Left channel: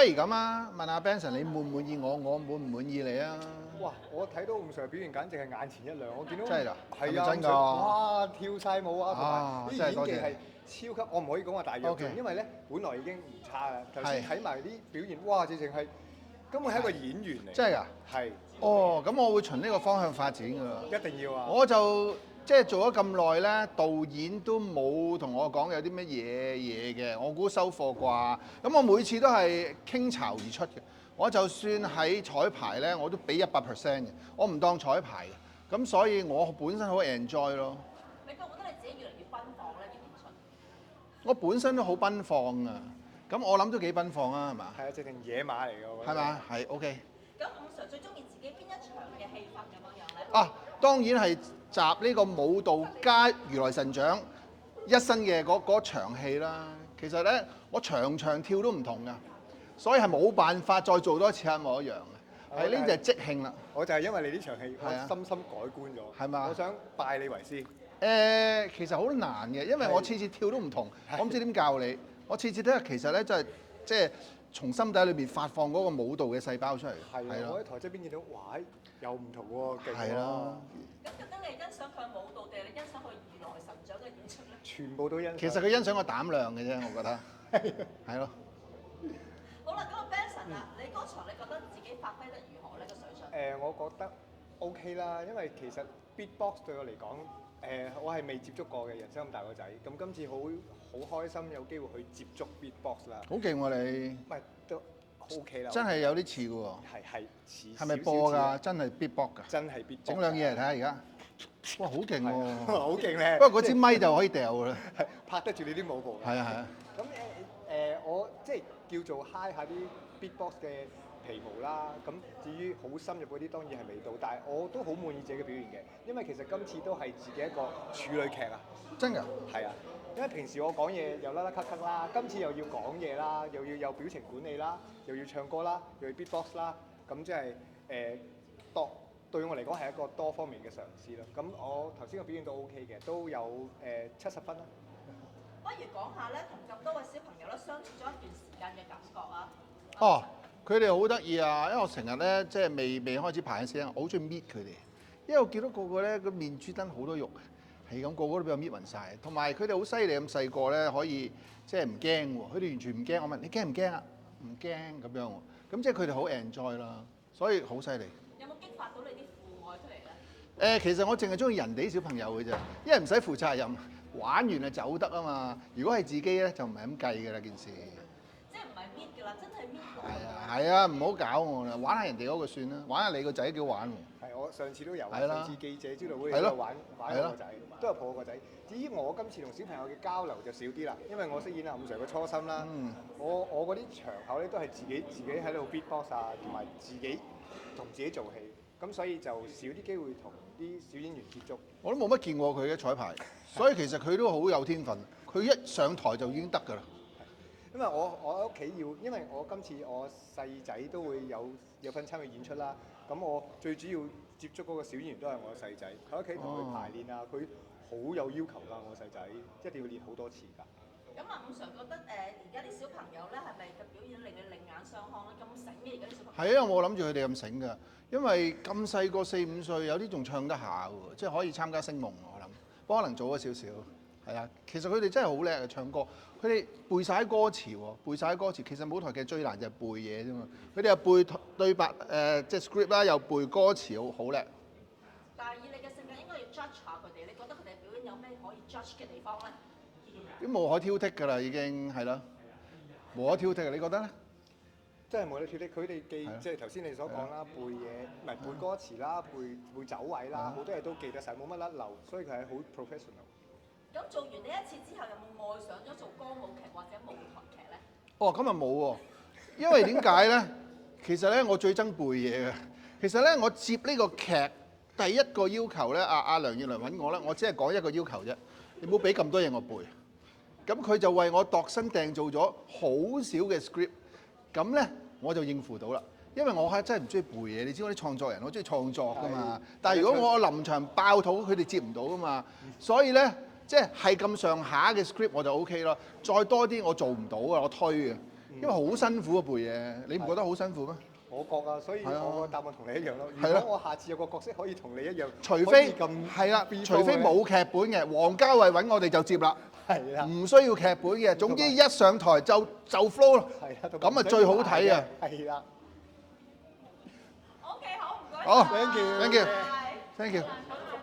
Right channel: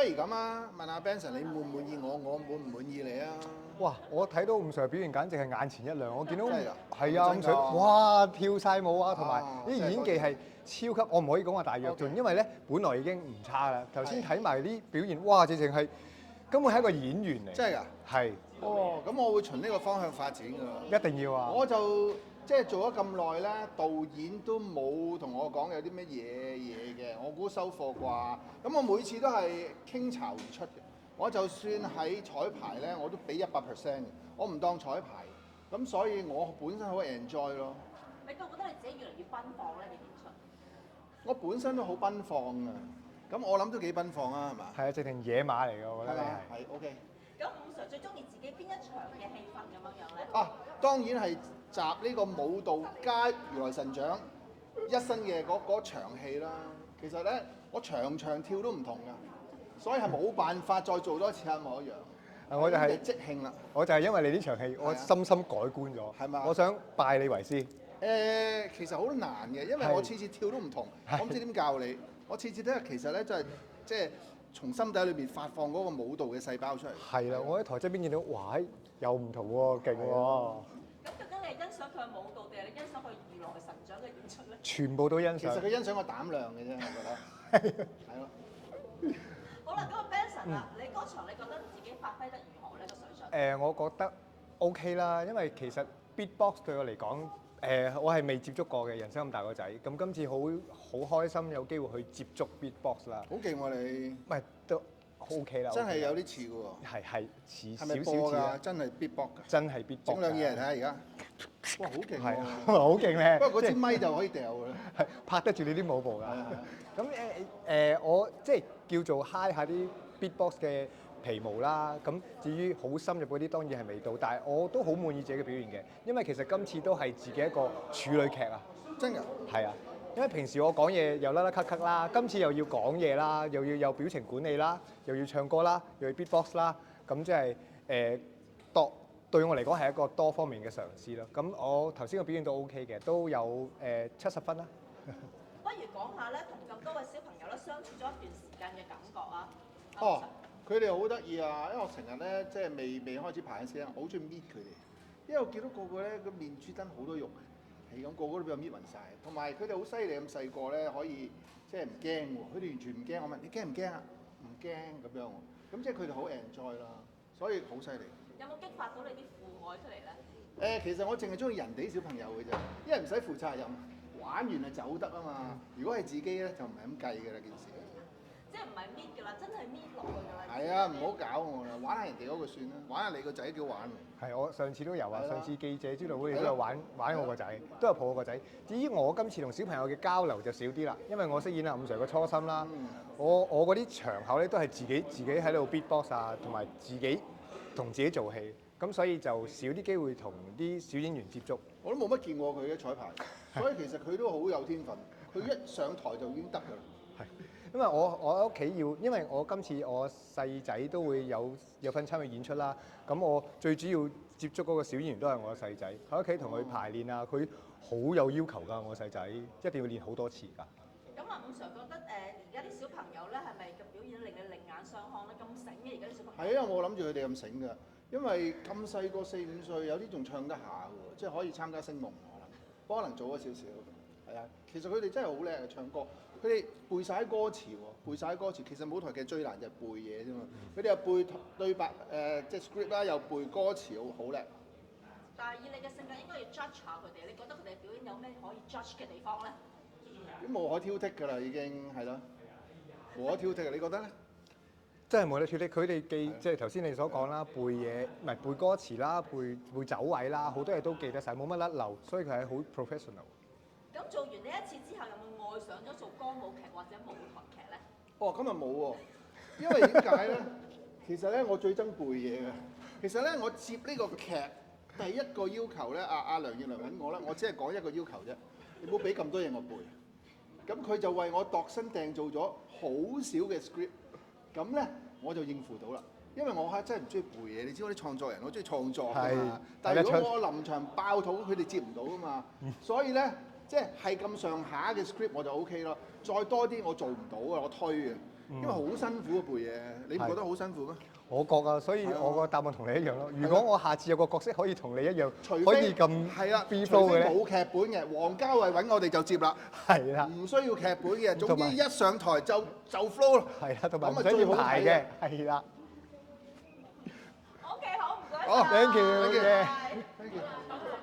不如咁啊，問下 Benson 你滿唔滿意我，我滿唔滿意你啊？哇！我睇到伍 Sir 表現簡直係眼前一亮，我見到真係㗎係啊，伍係咪真㗎 Sir 哇跳晒舞啊，同啊埋啲演技真係多謝係超級，我唔可以講話大躍 OK 進，因為咧本來已經唔差啦。頭先係睇埋啲表現，哇！直情係根本係一個演員嚟，真係㗎？係哦，咁我會循呢個方向發展㗎啦。一定要啊！我就即係做咗咁耐咧，導演都冇同我講有啲乜嘢嘅，我估收貨啩。咁我每次都係傾巢而出嘅。我就算喺彩排咧，我都俾100% 嘅，我唔當彩排嘅。咁所以我本身好 enjoy 咯。你覺唔覺得你自己越嚟越奔放咧？演出我本身都好奔放嘅，咁我諗都幾奔放啊，係嘛？係啊，直情野馬嚟㗎，我覺得係嘛？係 OK。咁伍 Sir 最中意自己邊一場嘅戲份咁樣樣咧？啊，當然係集呢個舞蹈加如來神掌一身嘅嗰場戲啦。其實咧，我場場跳都唔同㗎，所以係冇辦法再做多一次一模一樣嘅。我就係係呢就係即興啦。我就係因為你呢場戲，係啊我深深改觀咗。係嘛我想拜你為師。其實好難嘅，因為我次次跳都唔同，我唔知點教你。我次次都係其實咧，即係從心底裏邊發放嗰個舞蹈嘅細胞出嚟。係啊，我喺台側邊見到，哇！又唔同喎，勁喎係啊。咁究竟你係欣賞佢嘅舞蹈定係你欣賞佢如來神掌嘅演出咧？全部都欣賞。其實佢欣賞我膽量嘅啫，我覺得係咯。好啦，咁啊 Benson 啊，你嗰場你覺得自己發揮得如何呢個水準？我覺得 OK 啦，因為其實 beatbox 對我嚟講，我係未接觸過嘅，人生咁大個仔，咁今次好開心有機會去接觸 beatbox 啦。好勁喎你！唔係都 OK 啦，真係有啲似喎。係似係咪少少播似啊㗎？真係 beatbox 㗎？真係 beatbox。整兩嘢嚟睇下而家。哇，好勁係喎！好勁咧！不過嗰支咪就可以掉㗎啦。拍得住你啲舞步嘅。係啊係啊。咁我即係叫做 high 下啲 beatbox 嘅皮毛啦。咁至於好深入嗰啲當然係未到，但係我都好滿意自己嘅表現嘅，因為其實今次都係自己一個處女劇啊。真㗎？係啊，因為平時我講嘢又甩甩咳咳啦，今次又要講嘢啦，又要有表情管理啦，又要唱歌啦，又要 beatbox 啦，咁即係對我嚟講係一個多方面嘅嘗試咯。咁我頭先嘅表現都 OK 嘅，都有70分啦。不如講下咧，同咁多位小朋友咧相處咗一段時間嘅感覺啊！哦，佢哋好得意啊！因為我成日咧即係未開始排嘅時候，我好中意搣佢哋，因為我見到個個咧個面珠燈好多肉，係咁個個都俾我搣暈晒。同埋佢哋好犀利咁細個咧，可以即係唔驚喎，佢哋完全唔驚。我問你驚唔驚啊？唔驚咁樣喎，咁即係佢哋好 enjoy 啦，所以好犀利。有冇激發到你啲父愛出嚟咧？其實我淨係中意人哋啲小朋友嘅啫，因為唔使負責任，玩完就走得啊嘛。如果係自己咧，就唔係咁計㗎啦件事。即係唔係搣㗎啦，真係搣落去㗎啦。係啊，唔好搞我啦，玩下人哋嗰個算啦，玩下你個仔幾好玩喎。係，我上次都有啊，係啦上次記者招待會係咯都有玩我個仔，都有抱我個仔。至於我今次同小朋友嘅交流就少啲啦，因為我飾演阿伍 Sir 嘅初心啦。我嗰啲場口咧都係自己喺度 beatbox 啊，同埋自己同自己做戲，咁所以就少啲機會同啲小演員接觸。我都冇乜見過佢嘅彩排，所以其實佢都好有天分。佢一上台就已經得㗎啦。因為我喺屋企要，因為我今次我細仔都會有份參與演出啦。咁我最主要接觸嗰個小演員都係我細仔，喺屋企同佢排練啊，佢好有要求㗎。我細仔一定要練好多次㗎。咁啊，伍 Sir 覺得而家啲小朋友咧係咪嘅表演令你另眼相看咧？咁醒嘅而家啲小朋友。係啊，我諗住佢哋咁醒㗎，因為咁細個4、5歲，有啲仲唱得下喎，即係可以參加聲夢我諗，不過可能早咗少少。係啊，其實佢哋真係好叻啊唱歌，佢哋背晒歌詞喎，背晒歌詞。其實舞台劇最難就係背嘢啫嘛，佢哋又背對白即係 script 啦，又背歌詞，好叻。但係以你嘅性格，應該要 judge 下佢哋。你覺得佢哋表演有咩可以 judge 嘅地方咧？咁無可挑剔㗎啦，已經係啦，無可挑剔。你覺得咧？真係冇得挑剔，佢哋記即係頭先你所講啦，背嘢唔係背歌詞啦，背走位啦，好多嘢都記得晒，冇乜甩漏，所以佢係好 professional。咁做完呢一次之後，有冇愛上咗做歌舞劇或者舞台劇咧？哦，咁啊冇喎，因為點解咧？其實咧，我最憎背嘢嘅。其實咧，我接呢個劇第一個要求咧，阿梁月良揾我咧，我只係講一個要求啫，你唔好俾咁多嘢我背。咁佢就為我度身訂造咗好少嘅 script，咁咧我就應付到啦。因為我係真係唔中意背嘢，你知我啲創作人，我中意創作㗎嘛。但係如果我臨場爆肚，佢哋接唔到㗎嘛。所以咧，即係咁上下嘅 script 我就 OK 咯。再多啲我做唔到啊，我推嘅。因為好辛苦啊背嘢，你唔覺得好辛苦咩？我覺啊，所以係啊我個答案同你一樣咯。如係咯果我下次有個角色可以同你一樣，除可以非咁係啦， free 除 flow 嘅非冇劇本嘅，王家衞揾我哋就接啦，係啦，唔需要劇本嘅，總之一上台就 flow 啦。係啦，同埋咁啊最好睇嘅。係啦。 OK，好，唔該好晒，thank you， thank you 拜拜 Thank you。